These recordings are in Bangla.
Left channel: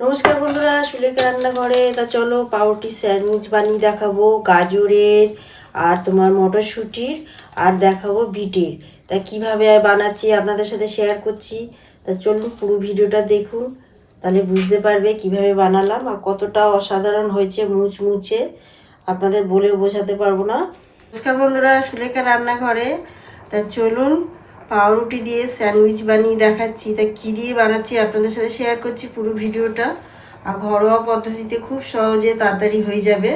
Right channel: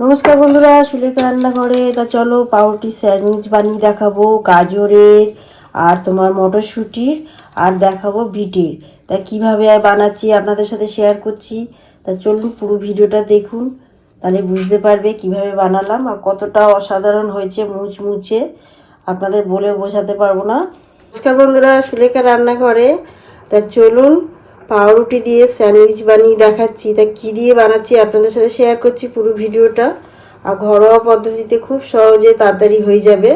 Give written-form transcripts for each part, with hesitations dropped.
নমস্কার বন্ধুরা, সুলেখা রান্নাঘরে। তা চলো পাউরুটি স্যান্ডউইচ বানিয়ে দেখাবো, গাজরের আর তোমার মটরশুঁটির, আর দেখাবো বিটের। তা কিভাবে বানাচ্ছি আপনাদের সাথে শেয়ার করছি। তা চলুন পুরো ভিডিওটা দেখুন, তাহলে বুঝতে পারবে কিভাবে বানালাম আর কতটা অসাধারণ হয়েছে, মুচমুচে। আপনাদের বলে বোঝাতে পারবো না। নমস্কার বন্ধুরা, সুলেখা রান্নাঘরে। তা চলুন পাউরুটি দিয়ে স্যান্ডউইচ বানিয়ে দেখাচ্ছি। তা কী দিয়ে বানাচ্ছি আপনাদের সাথে শেয়ার করছি পুরো ভিডিওটা। আর ঘরোয়া পদ্ধতিতে খুব সহজে তাড়াতাড়ি হয়ে যাবে,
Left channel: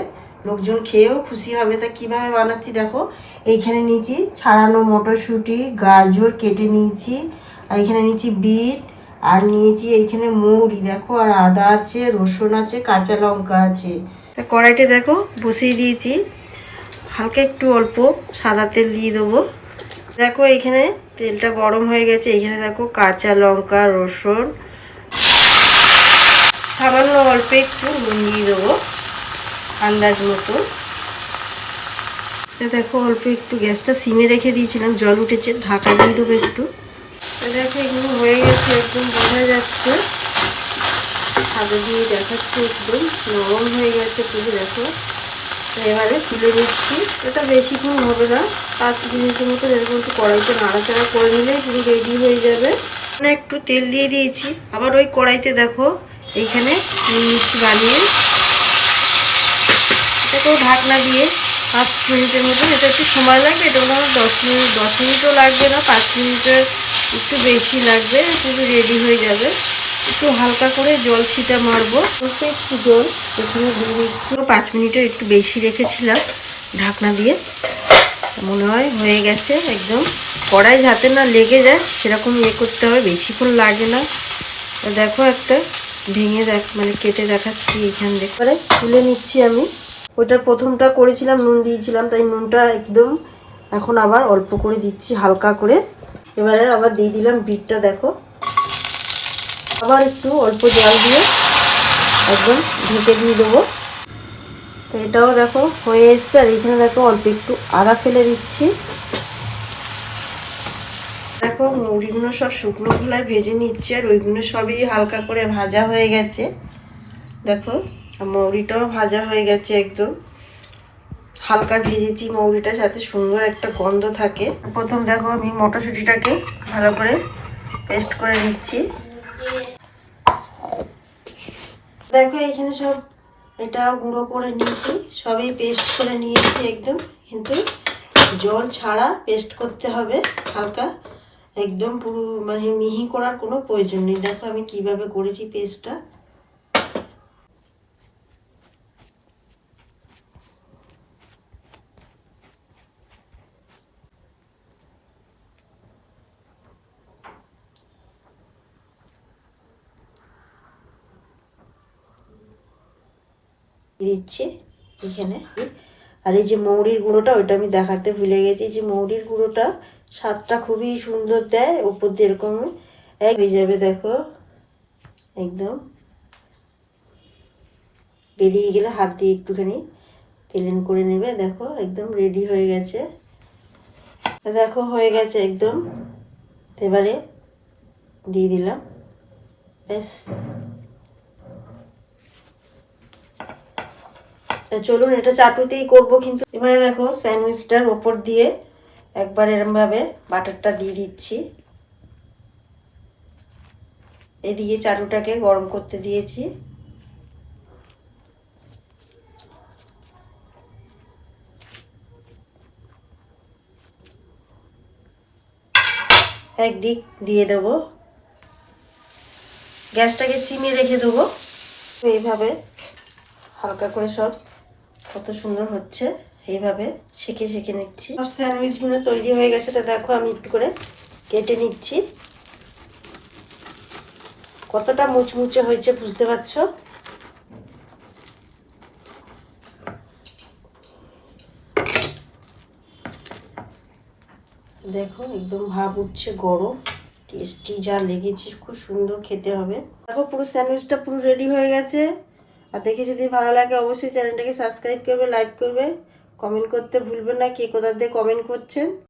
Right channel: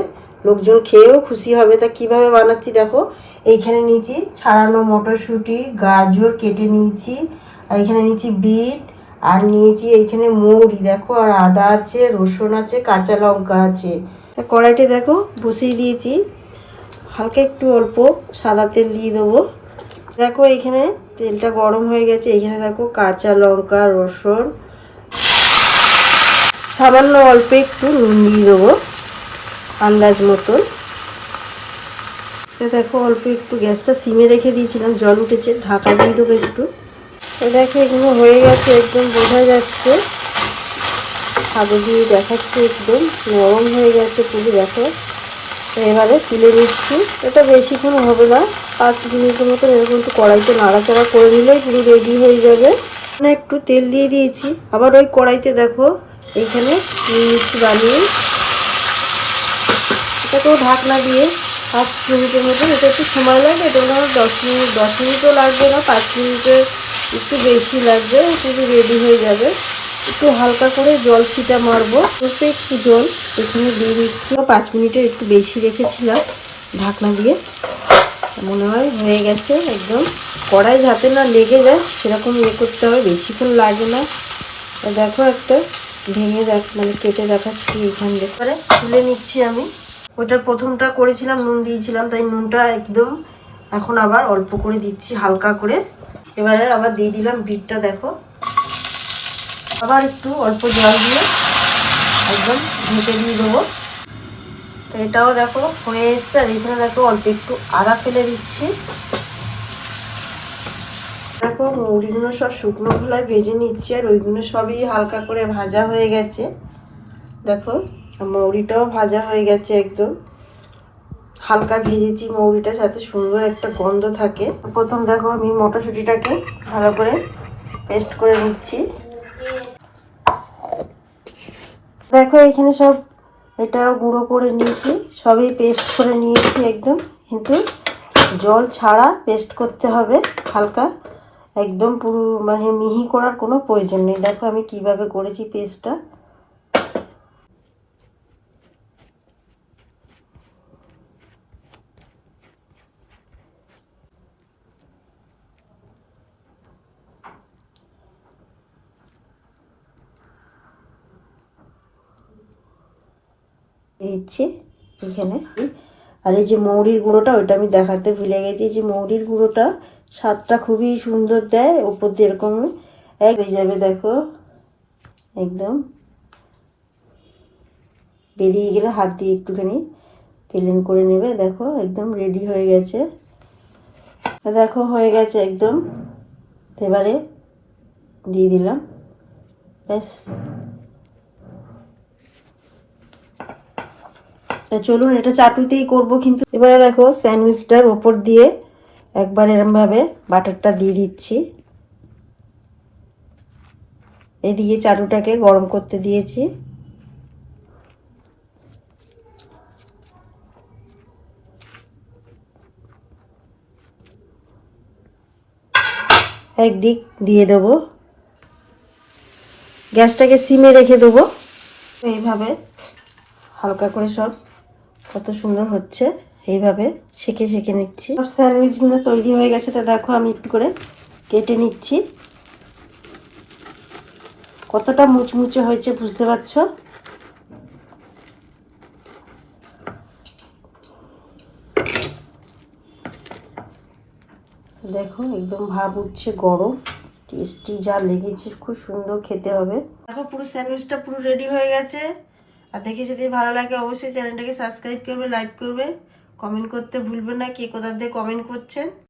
লোকজন খেয়েও খুশি হবে। তা কিভাবে বানাচ্ছি দেখো। এইখানে নিয়েছি ছাড়ানো মটরশুঁটি, গাজর কেটে নিয়েছি, আর এখানে নিয়েছি বিট, আর নিয়েছি এইখানে মৌরি দেখো, আর আদা আছে, রসুন আছে, কাঁচা লঙ্কা আছে। তা কড়াইটা দেখো বসিয়ে দিয়েছি, হালকা একটু অল্প সাদা তেল দিয়ে দেবো। দেখো এখানে তেলটা গরম হয়ে গেছে। এখানে দেখো কাঁচা লঙ্কা, রসুন, সামান্য অল্প একটু নুন দিয়ে দেবো আন্দাজ মতো। দেখো অল্প একটু গ্যাসটা সিমে রেখে দিয়েছিলাম, জল উঠেছে, ঢাকা দিয়ে দেবো একটু। দেখো এগুলো হয়ে গেছে, একদম বোঝা যাচ্ছে, হাতে দিয়ে দেখাচ্ছে একদম নরম হয়ে গেছে পুরো। দেখো এবারে তুলে নিচ্ছি। এটা বেশিক্ষণ হবে না, 5 মিনিটের মতো এরকম একটু কড়াইতে নাড়াচাড়া করে নিলে পুরো রেডি হয়ে যাবে। একটু তেল দিয়ে দিয়েছি, আবার ওই কড়াইতে দেখো এইখানে মিষ্টি বানিয়ে এটাকেও ঢাকনা দিয়ে 5 মিনিটের মতো, এটা একটু সময় লাগবে। এটা মনে হয় 10 মিনিটও লাগবে না, 5 মিনিটের একটু বেশি লাগবে, পুরো রেডি হয়ে যাবে। একটু হালকা করে জল ছিটা মারবো, অল্প একটু জল এখানে দিয়ে দিচ্ছি। 5 মিনিটের একটু বেশি রেখেছিলাম ঢাকনা দিয়ে। মনে হয় হয়ে গেছে একদম। কড়াই যাতে না লেগে যায় সেরকম করতে হবে, বেশিক্ষণ লাগে না। দেখো একটা ভেঙে মানে কেটে দেখাচ্ছি এখান থেকে, তুলে নিচ্ছি আমি। ওটা প্রথমটা করেছিলাম নুন দিয়েছিলাম, তাই নুনটা একদম এখন আবার অল্প করে দিচ্ছি হালকা করে। এবারে আবার দিয়ে দিলাম বিটটা, দেখো আবার একটু অল্প জল দিয়ে একদম ঢেকে দিয়ে দেবো। তো এটাও দেখো হয়ে এসছে। আর এখানে দেখো অল্প একটু আদা ফেলে দিচ্ছি। দেখো মুড়িগুলো সব শুকনো খোলায় ভেজে নিচ্ছি, আর ওইগুলো সবই হালকা করে ভাজা হয়ে গেছে। দেখো মৌরিটাও ভাজা হয়ে গেছে, একদম হালকা ভেজেছি মৌরিটার সাথে, সুন্দর একটা গন্ধ থাকে। প্রথম দেখো আমি মটরশুঁটিটাকে ভালো করে পেস্ট করে নিচ্ছি। দেখো এখানে সব এটা গুঁড়ো করে নিয়েছি, সবই পেস্ট করে নিয়েছি একদম, কিন্তু জল ছাড়া পেস্ট করতে হবে হালকা, একদম পুরো মানে মিহি করার কোনো প্রয়োজন নেই। দেখো আমি কিভাবে করেছি পেস্টটা। দিচ্ছি এখানে। আর এই যে মৌরির গুঁড়োটা, ওইটা আমি দেখাতে ভুলে গেছি, যে মৌরির গুঁড়োটা স্বাদটা খুবই সুন্দর দেয়, উপর দিয়ে এরকম এক হয়ে যাবে। দেখো একদম বেরিয়ে গেলে হাত দিয়ে একটুখানি প্লেন করে নেবে। দেখো একদম রেডি হয়ে গেছে। দেখো হয়ে গেছে একদম। এবারে দিয়ে দিলাম, ব্যাস। চলুন এটা চাটুতেই করবো কিন্তু। এবারে দেখো স্যান্ডউইচটার ওপর দিয়ে একবার এরমভাবে বাটারটা দিয়ে দিচ্ছি। এদিকে চাটুটাকে গরম করতে দিয়েছি। একদিক দিয়ে দেবো, গ্যাসটাকে সিমে রেখে দেবো। এইভাবে হালকা করে সব কত সুন্দর হচ্ছে, এইভাবে সেঁকে সেঁকে নিচ্ছি। সব স্যান্ডউইচগুলো তৈরি হয়ে গেছে। তা দেখো আমি একটু করে কেটে নিচ্ছি। কতটা মুচমুচে হয়েছে বুঝতে পারছো। দেখো একদম ভাব উঠছে, গরম, টেস্টি যা লেগেছে, খুব সুন্দর খেতে হবে। দেখো পুরো স্যান্ডউইচটা পুরো রেডি হয়ে গেছে। আর দেখে যদি ভালো লাগে অবশ্যই চ্যানেলটাকে সাবস্ক্রাইব করবে, লাইক করবে, কমেন্ট করতে ভুলবেন না কে কোথা দিয়ে কমেন্ট করছেন।